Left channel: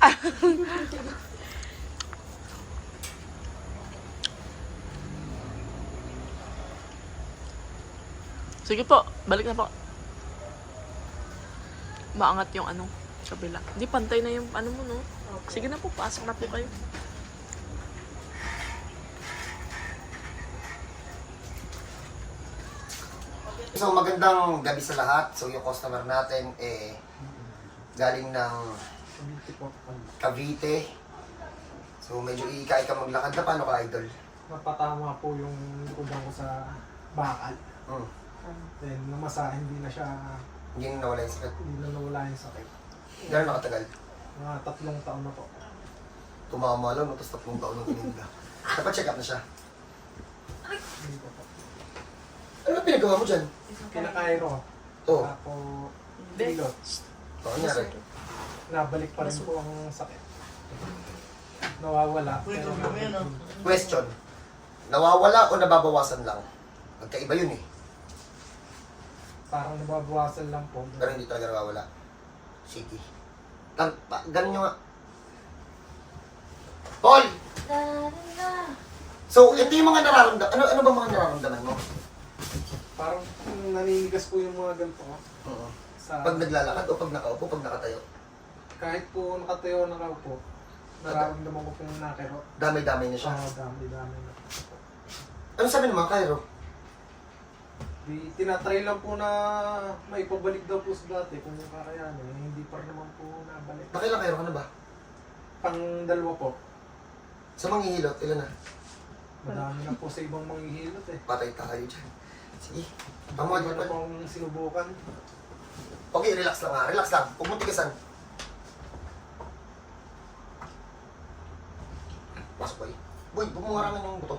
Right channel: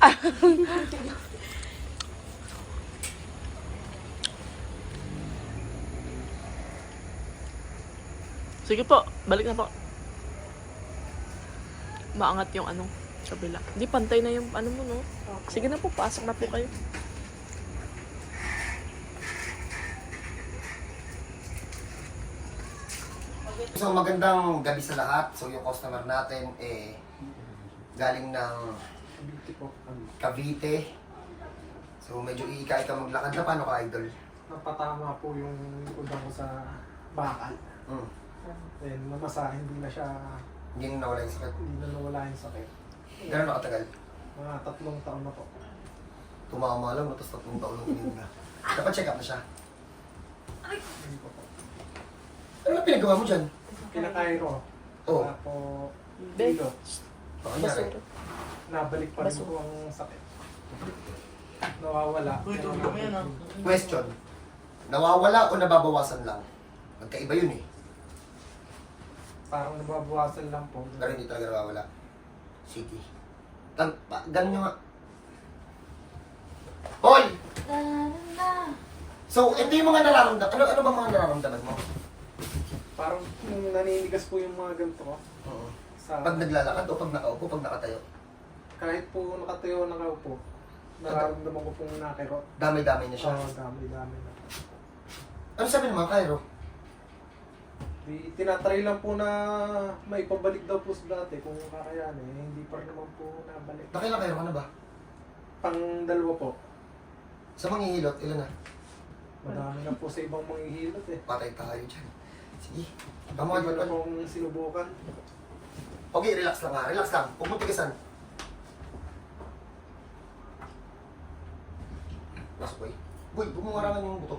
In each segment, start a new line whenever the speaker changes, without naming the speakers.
Sige po, balik na po. Maangat yung ano, kabila. Hindi, pantay na yung ano mo, no? Sige na po, pasok na po kayo.
So magandang gabi sa lahat. So yung customer natin eh galing ng
Po.
Cavite. So medyo iikay ka maglakad na paano ka idol?
napatama po yung likod ko sa bakal.
Hmm.
Then, namasa, hindi na siya,
Hindi na nawala yung sakit.
hindi na nawala yung sakit.
Gano'n nakatagal?
Mga tatlong taon na po.
Tumama lang, tapos tatlong taon ng kininda. Dapat check up na siya.
Hindi po po.
Ano na pinagawa mo dyan?
Kinakairo.
Oh.
Saka po,
Be-
ilot. Nabalik pa rin po ang sakit. Nawawala. Pero nabalik.
Question. Nawawala o nababawasan lang? Magkaiba yun eh.
Parang nababawasan lang po.
Pero hindi talaga nawawala. City. Gan pa, ganun nyo nga. Paul! So, hindi yung mga nararamdaman. Ano, ano ba mga nararamdaman mo?
Parang mm, naninigas po yung mga ganito ko.
Oo.
Sa,
Pag naglalakad o pag nakaupo, pag nakatayo.
Kahit po nakatayo na raw po, nararamdaman ko pong nakiro.
Damay-damay na siya.
Siya, dami-dami na.
Ano sabi mga Cairo?
Di, tinatry lang po na may pabalik daw po sa dati kung kakayanin. Eh, hindi pa rin naman po nabalik.
Nakailang Cairo ka na ba?
Pang dalawa po.
Sa manghihilot, ilan na?
Madami na po sa ibang manghihilot eh.
Patay tayo dyan. Sige.
Iba
Tama
na pong sinubukan.
Okay, relax lang nga. Relax lang. Huwag mo tigasan. Pasok, boy. Bumungarangan yung buto.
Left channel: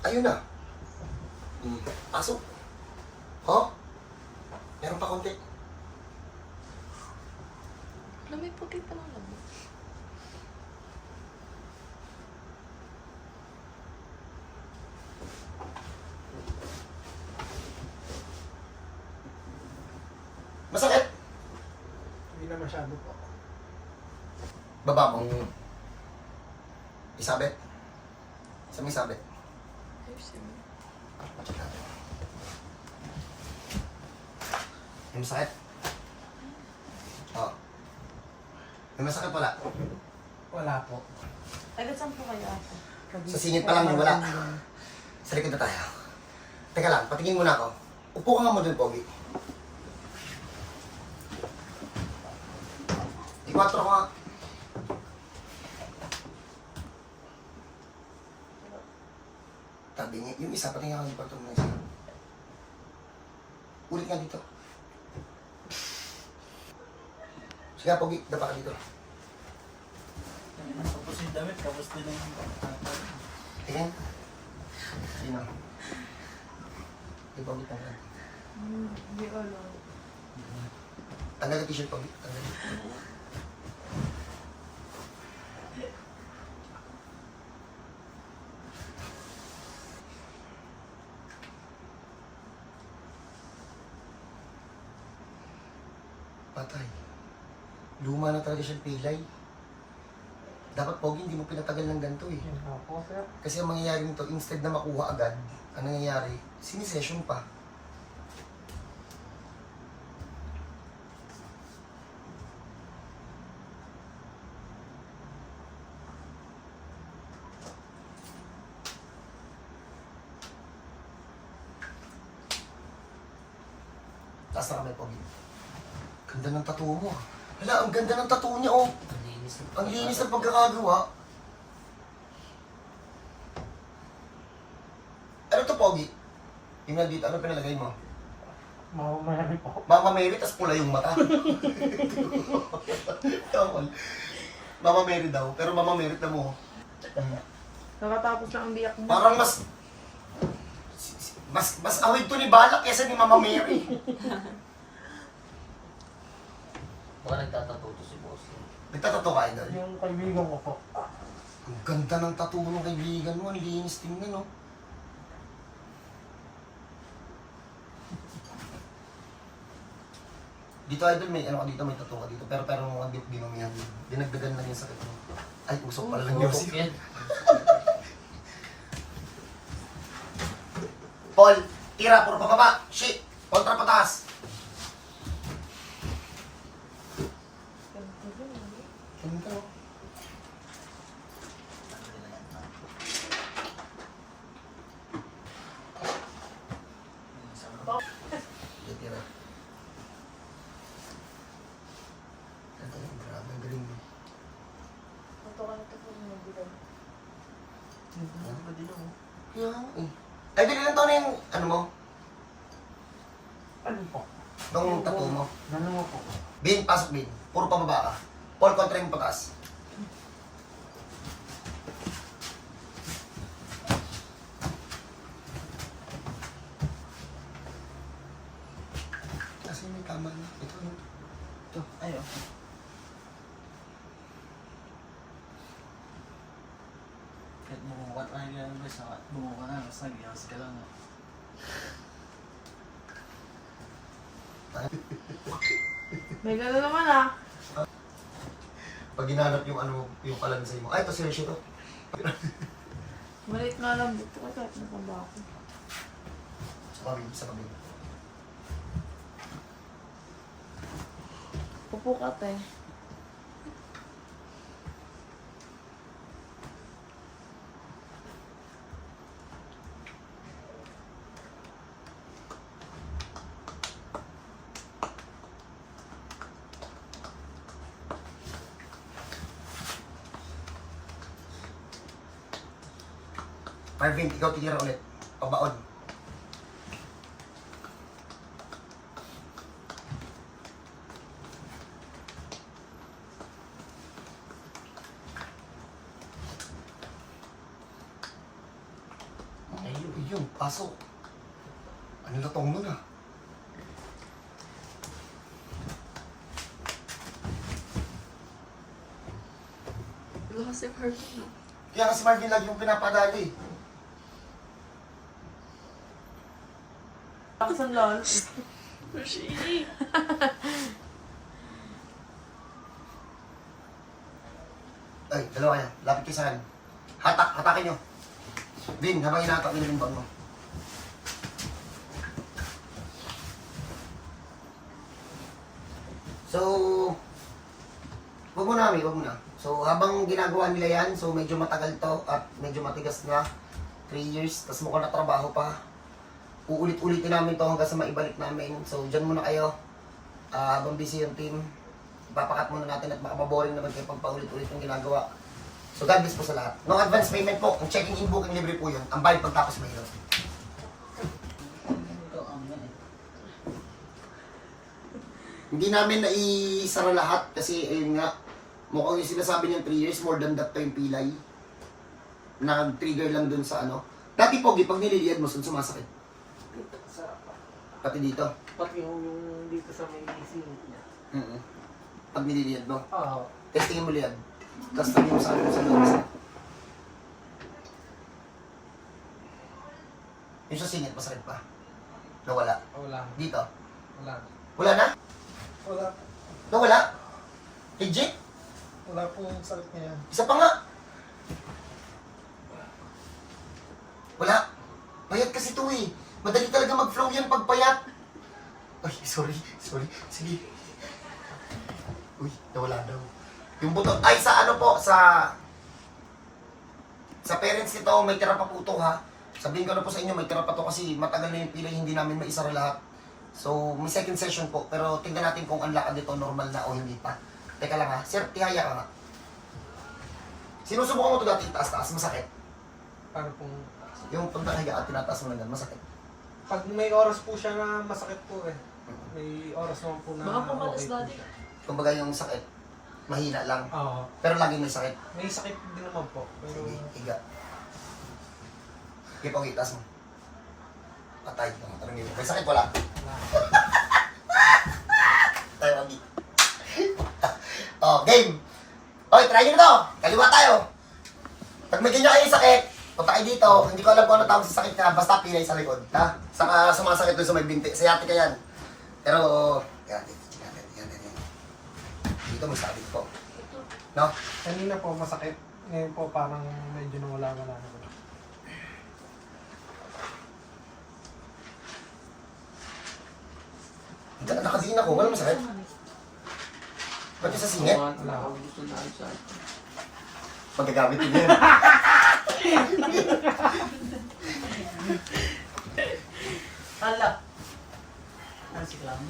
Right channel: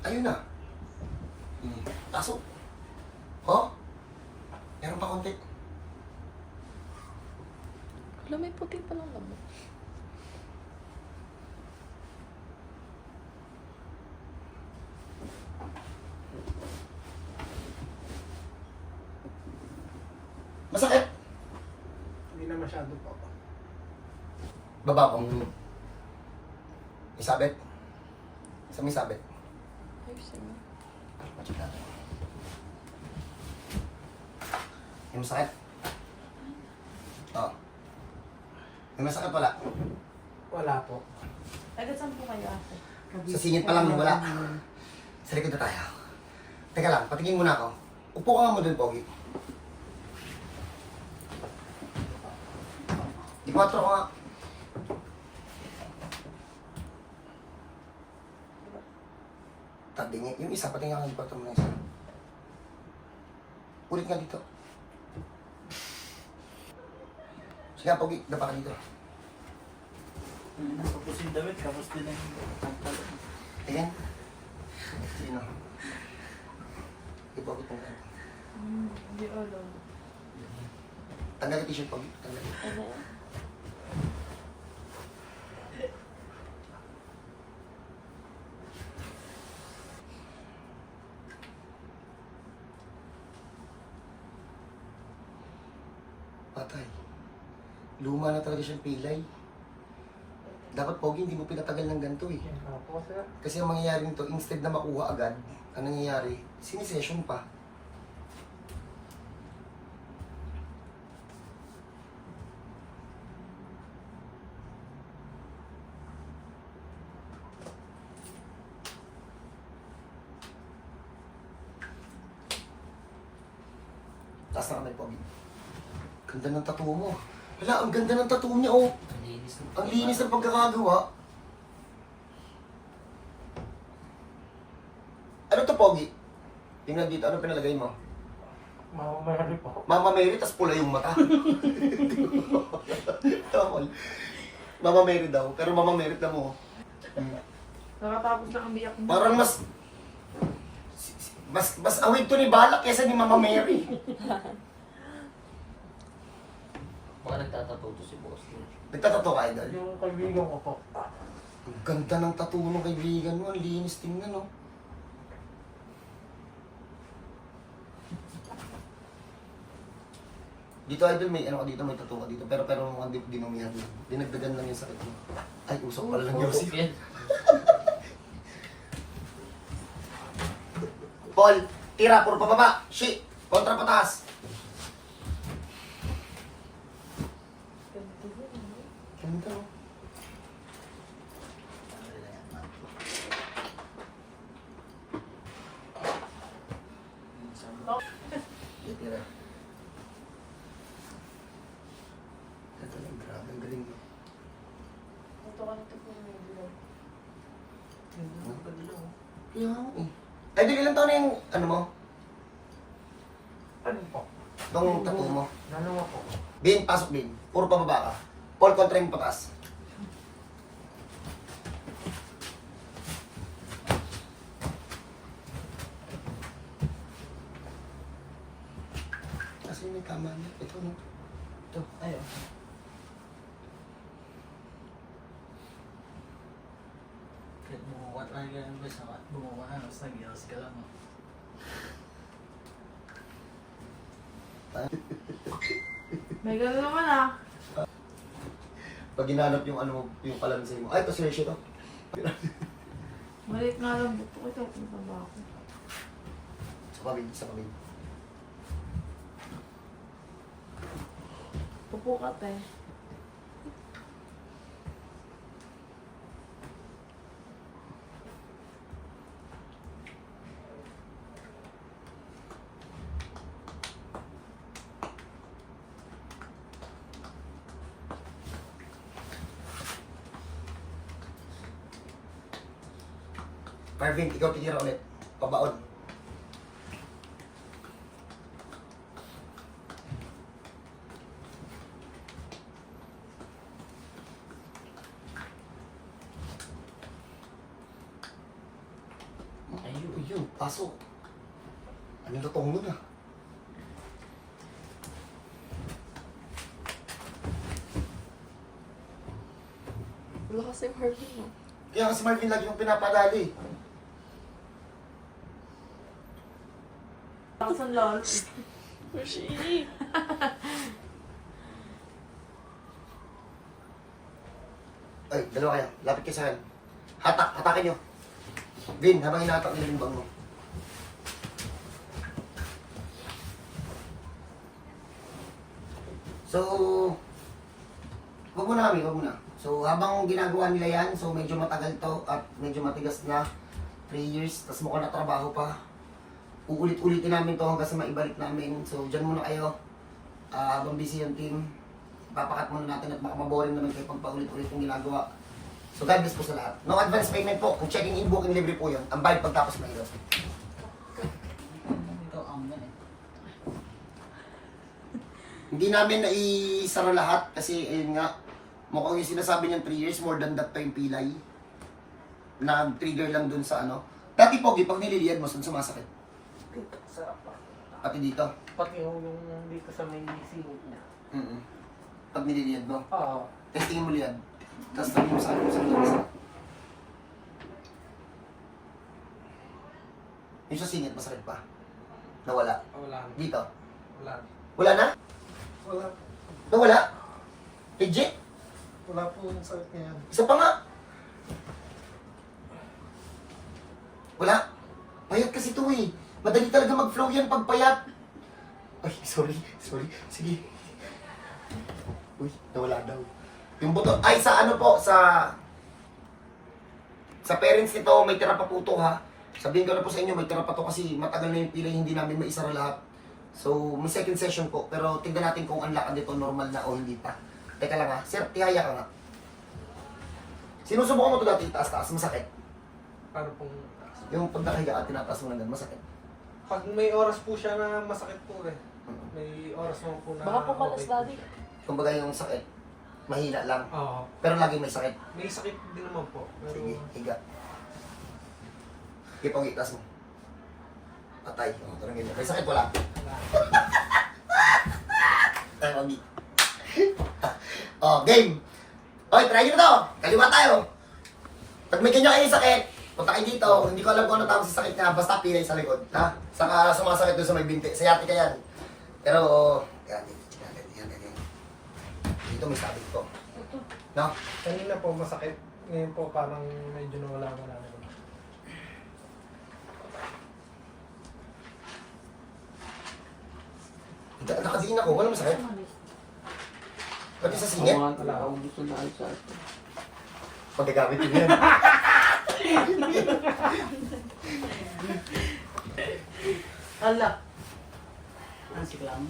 Ayun na. Hmm. Pasok. Oh? Meron pa konti.
Alam, may puti pa lang ako.
Masakit.
Hindi na masyado po.
Baba ko. Isabit. Sa may sabit. May masakit? Oo. May masakit wala?
Wala po.
Agad saan po kayo ako?
Sa singit pa lang wala. Sa likod na tayo. Teka lang, patingin muna ako. Upo ka nga mo doon, Pogi. Di kwatro ka nga. Tabingi. Yung isa, patingin nga kwatro mo na isa. Ulit nga dito. Sige nga, Pogi. Dapa ka dito.
Tapos yung damit, tapos din yung...
Tingin. Sino? Ipogi mo ka.
Hindi, ulo.
Tanggal yung t-shirt, Pogi. Tanggal. Patay. Luma na talaga siyang pilay. Dapat, Pogi, hindi mo pinatagal ng ganito eh.
Opo, sir.
Kasi ang mangyayari nito, instead na makuha agad, ang nangyayari, sinisession pa. Taas na kamay, Pogi. Ganda ng tattoo mo. Hala, ang ganda ng tattoo niya, oh. Ang linis ng pagkakagawa. Ano to, Pogi? Yung nandito, ano pinalagay mo?
Mamamayari po.
Mama Mary, tas pula yung mata. Tama. Mama Mary daw, pero Mama Mary na mo.
Nakatapos lang ang biyak mo.
Parang mas... Mas, mas awid to ni Balak kesa ni Mama Mary.
Baka nagtatato to si boss.
Nagtatato ka, idol.
Yung kaibigan ko po.
Ang ganda ng tattoo ng kaibigan mo. Ang linis tingnan, no? Dito idol may ano ka dito, may tattoo ka dito. Pero pero mga bit dinumihan. Dinagdagan lang yung sakit mo. Ay, usok pala ng Yossi.
yan.
Paul, tira, puro pababa. Shit, kontra pataas. Ganito. Shit, tira. Ang galing, grabe, ang galing mo. Yeah. Ay, di ilang taon na yung, ano mo?
Ano po?
Nung tattoo mo?
Dalawa po.
Bin, pasok bin. Puro pababa ka. Paul kontra yung pataas. Kasi may tama na. Ito, no? Ito.
Ayaw. Kahit bumuka tayo ng bes, bumuka na, tapos nag-iwas ka lang.
May gano'n naman ah.
Pag ginanap yung ano mo, yung palansay mo. Ay, seryoso to.
Maliit nga lang dito. Ay, kahit nakaba ako.
Sa pamilya, sa pamilya.
Upo ka,
Marvin, ikaw titira ulit. Pabaon. Ayun, ayun, pasok. Anong latong mo na?
Lakas yung Harvey, no?
Kaya nga si Marvin lagi yung pinapadali.
Lakas ang lol.
Ay, dalawa kayo. Lapit kayo sa akin. Hatak, hatakin nyo. Vin, habang hinatak nila yung bag mo. So, wag mo na kami, wag mo na. So, habang ginagawa nila yan, so medyo matagal to at medyo matigas na. 3 years, tapos mukhang natrabaho pa. Uulit-ulitin namin to hanggang sa maibalik namin. So, dyan muna kayo. Ah, habang busy yung team, papakat muna natin at baka maboring naman kayo pag paulit-ulit yung ginagawa. So God bless po sa lahat. No advance payment po. Kung checking in, booking, libre po yun. Ang bayad pagtapos
yan eh.
Hindi namin naisara lahat kasi ayun nga, mukhang yung sinasabi niyang 3 years, more than that pa yung pilay. Nag-trigger lang dun sa ano. Dati pogi, pag nililiad mo, saan sumasakit?
Dito, sarap pa.
Pati dito.
Pati yung, yung dito sa may silot niya.
Mm Pag nililiad mo.
Oo.
Testingin mo liad. Tapos tabi mo sa ano sa sa. Yung sa singit, masakit pa. Nawala.
Wala. na.
Dito.
Wala. na.
Wala na?
Wala.
Nawala? Legit?
Wala po yung sakit niya yan.
Isa pa nga. Wala. Payat kasi ito eh. Madali talaga mag-flow yan pag payat. Ay, sorry. Sorry. Sige. Uy, nawala daw. Yung buto, ay sa ano po, sa... Sa parents nito, may tira pa po to ha. Sabihin ko na po sa inyo, may tira pa to kasi matagal na yung pila, hindi namin maisara lahat. So, may second session po, pero tingnan natin kung ang lakad nito normal na o hindi pa. Teka lang ha, sir, tihaya ka nga. Sinusubukan mo ito dati, taas-taas, masakit.
Paano pong...
Yung pag nakahiga ka, tinataas mo lang ganun, masakit.
Pag may oras po siya na masakit po eh. May oras naman po na
Baka pumalas
okay po
daddy.
siya.
Kumbaga yung sakit, mahina lang.
Oo.
Pero lagi may sakit.
May sakit din naman po. Pero
Sige, higa. Sige, pogi, taas mo. Patay, tarangin mo. May sakit, wala. Tayo, pogi. oh, game. Okay, try nyo na to. Kaliwa tayo. Pag may kanya kayo sakit, punta kayo dito. Hindi ko alam kung ano tawag sa sakit niya. Basta pilay sa likod. Ha? Saka sumasakit doon sa may binti. Sa yati ka yan. Pero, yan, dito, tingnan natin. dito, may sabit po. No?
Kanina po masakit. Ngayon po parang medyo nawala-wala na po.
Ita- Nakatingin ako, wala masakit. Pati sa singit,
Wala.
magagamit din yan.
Hala. Ano si Clam?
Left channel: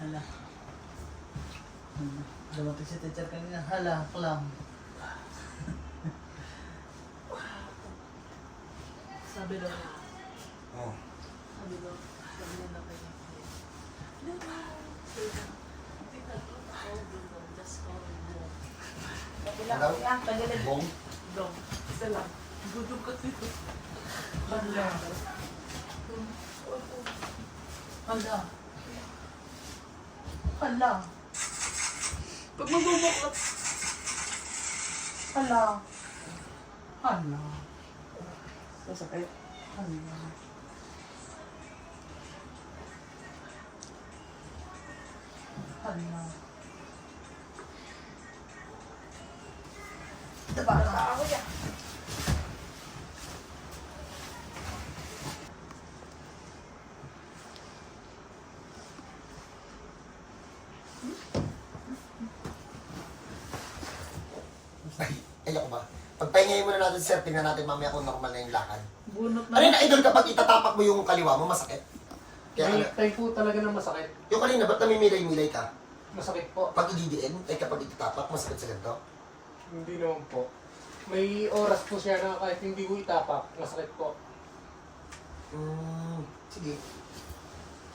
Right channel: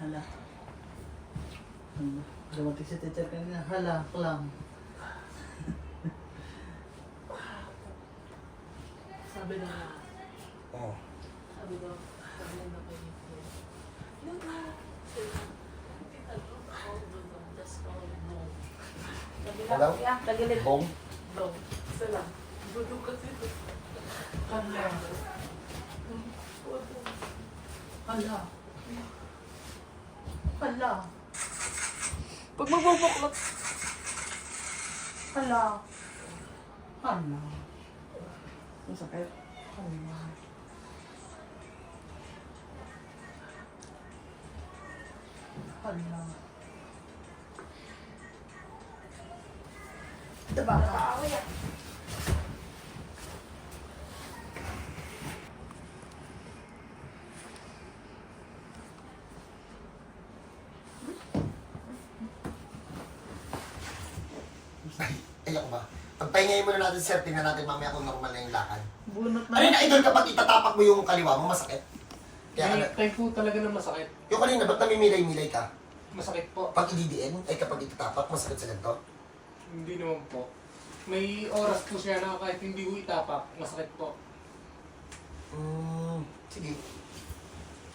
Hala. Dumating si teacher kanina. Hala, Clam.
Sabi daw.
Oh.
Sabi daw. Sabi daw na kayo.
Alam?
Tagilid.
Bong.
Dudog kasi. Hala. Hala. Hala.
Pag magbubuklat,
Hala. Hala.
Masakit.
Hala. Hala.
Ay, ako ba? Pagpahingayin muna natin, sir, tingnan natin mamaya kung normal na yung lakad.
Bunot
Ano yung idol kapag itatapak mo yung kaliwa mo, masakit? Kaya,
May time po talaga na masakit.
yung kanina, ba't namimilay-milay ka?
Masakit po.
Pag ididiin, ay kapag itatapak, masakit sa ganito?
Hindi naman po. May oras po siya na kahit hindi ko itapak, masakit po.
Hmm, sige.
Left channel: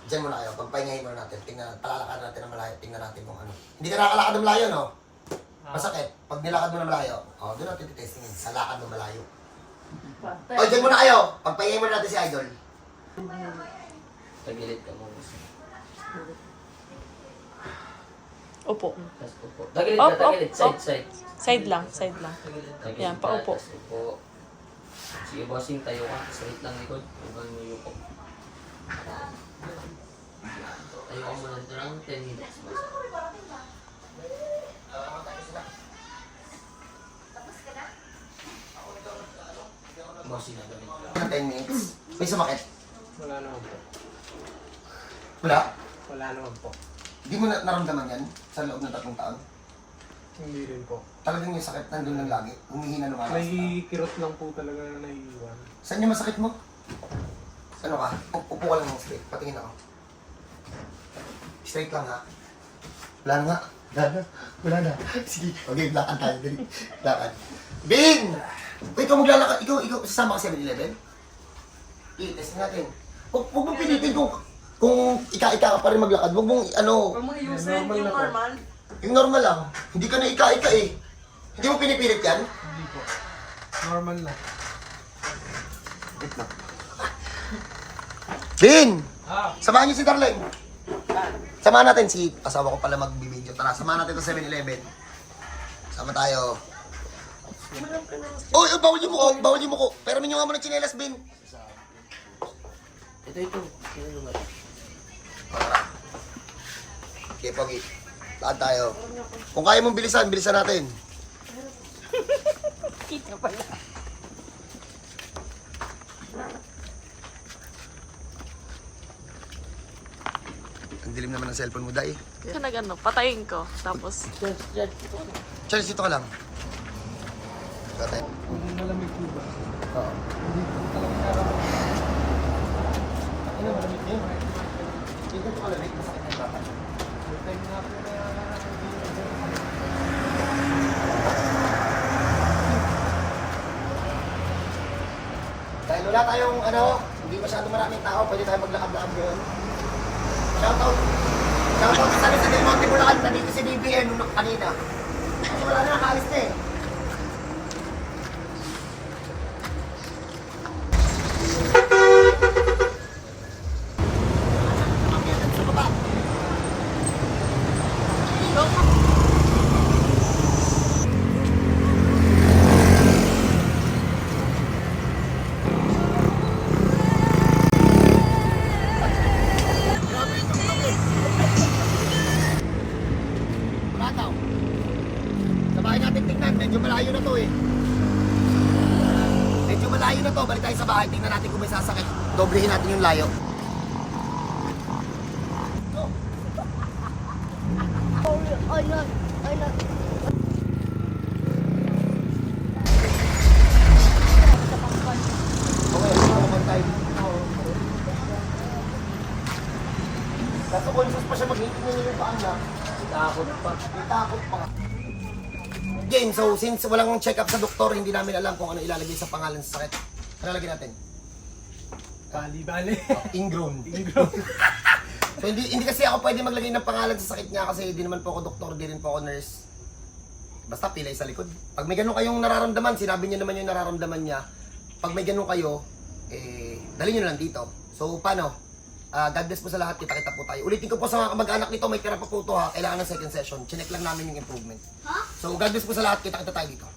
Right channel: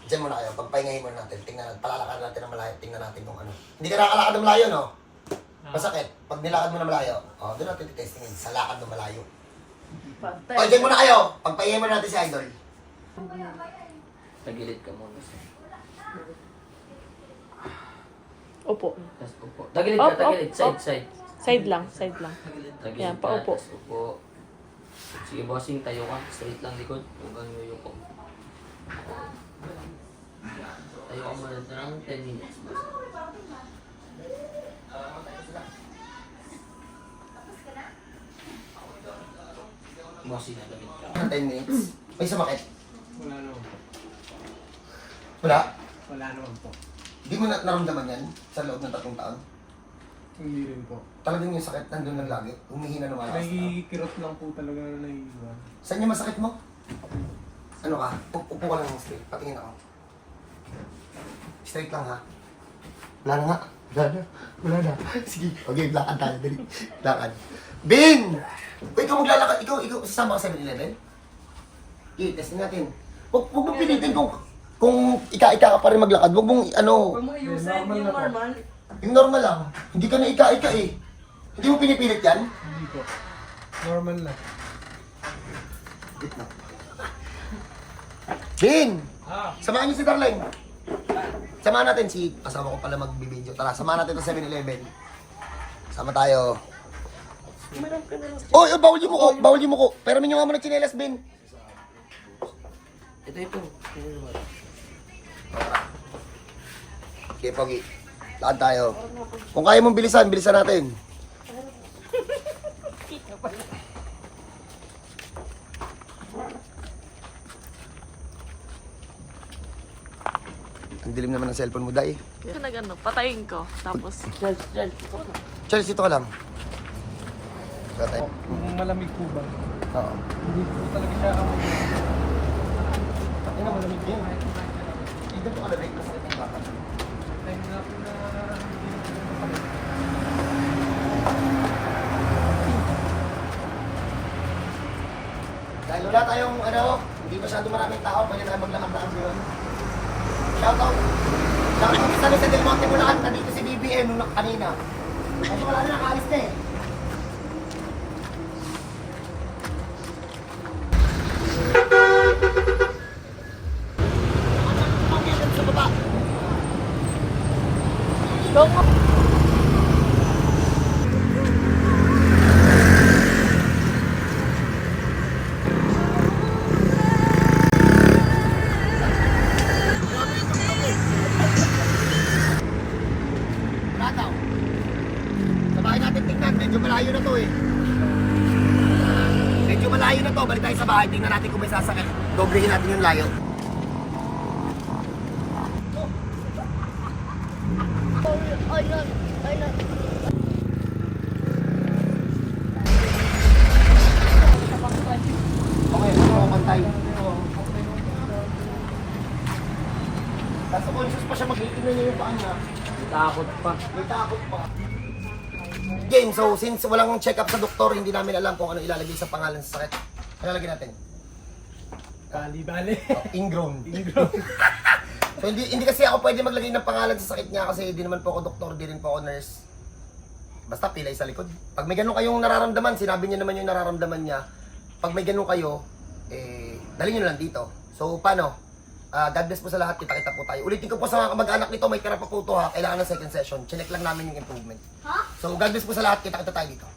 Diyan muna kayo, pagpahingayin muna natin, tingnan natin, palalakad natin ng malayo, tingnan natin kung ano. Hindi ka nakakalakad ng malayo, no? Masakit. Pag nilakad mo ng malayo, oh, doon natin titestingin, sa lakad ng malayo. O, diyan muna kayo, pagpahingayin muna natin si Idol.
Tagilid ka muna.
Opo.
Tapos upo. Tagilid
Up,
ka,
up,
tagilid.
up.
Side, side.
Side lang, side lang.
Tagilid
Yan,
ka,
paupo.
tapos upo. Sige, bossing, tayo ka. Straight lang likod. Hanggang yung ko. Tayo ka muna ng 10 minutes. boss. Bossing, nagamit ka.
10 minutes. May sumakit.
Wala naman po.
Wala.
Wala naman po.
Hindi mo na naramdaman yan sa loob ng tatlong taon.
Hindi rin po.
Talagang yung sakit nandun lang lagi. Humihina lumalas.
May kirot lang po talaga na naiiwan.
Saan yung masakit mo? Ano ka? U- upo ka lang ng straight. Patingin ako. Straight lang ha. Wala na nga. Wala na. Wala na. Sige. Okay, lakad tayo. Dali. Lakad. Bing! O ikaw maglalakad. Ikaw, ikaw, sasama ka 7-Eleven? Okay, testing natin. Huwag huwag mo pilitin kung kung ika-ika ka pa rin maglakad. Huwag mong ano,
Huwag mo iusin
Normal
yung normal.
yung normal lang. Hindi ka na ika-ika eh. Hindi mo pinipilit yan?
Hindi po. Normal na.
Wait lang. Bin! Samahan niyo si Darlene. Samahan natin si asawa ko pala magbibideo. Tara, samahan natin to 7-Eleven. Sama tayo. Oh, eh, bawal yung muko, bawal yung muko. Pero minyo nga muna chinelas, Bin.
Ito, ito. Sino naman?
Okay, Pogi. Lakad tayo. Kung kaya mong bilisan, bilisan natin. Ang dilim naman ng cellphone mo, Day.
Kaya nag ano, patayin ko. Tapos,
Chelsea, dito ka lang.
Yung malamig po ba? Hindi po talaga siya kapag
Ano, malamig yun. Hindi po malamig. Mas nagkakapan.
na
Dahil wala tayong, ano, hindi masyado maraming tao, pwede tayo maglakad-lakad yun. Shoutout. Shoutout sa San Jose del Monte Bulacan, nandito si BBN nung kanina. Kaso wala na nakaalis na eh. Malayo na to, balik tayo sa bahay, tingnan natin kung may sasakit. Doblehin natin yung layo. Okay, ako pantay. Kaso conscious pa siya mag-iitignan niya yung paan niya.
Takot pa.
May takot pa. Game, so since walang check-up sa doktor, hindi namin alam kung ano ilalagay sa pangalan sa sakit. Ano lagyan natin?
Bali-bali.
Oh, ingrown. ingrown. so hindi hindi kasi ako pwede maglagay ng pangalan sa sakit niya kasi di naman po ako doktor, di rin po ako nurse. Basta pilay sa likod. Pag may ganun kayong nararamdaman, sinabi niyo naman yung nararamdaman niya. Pag may ganun kayo, eh, dali niyo na lang dito. So, paano? Ah, God bless po sa lahat. Kita-kita po tayo. Ulitin ko po sa mga kamag-anak nito, may tira pa po ito ha. Kailangan ng second session. Chinek lang namin yung improvement. So, God bless po sa lahat. Kita-kita tayo dito.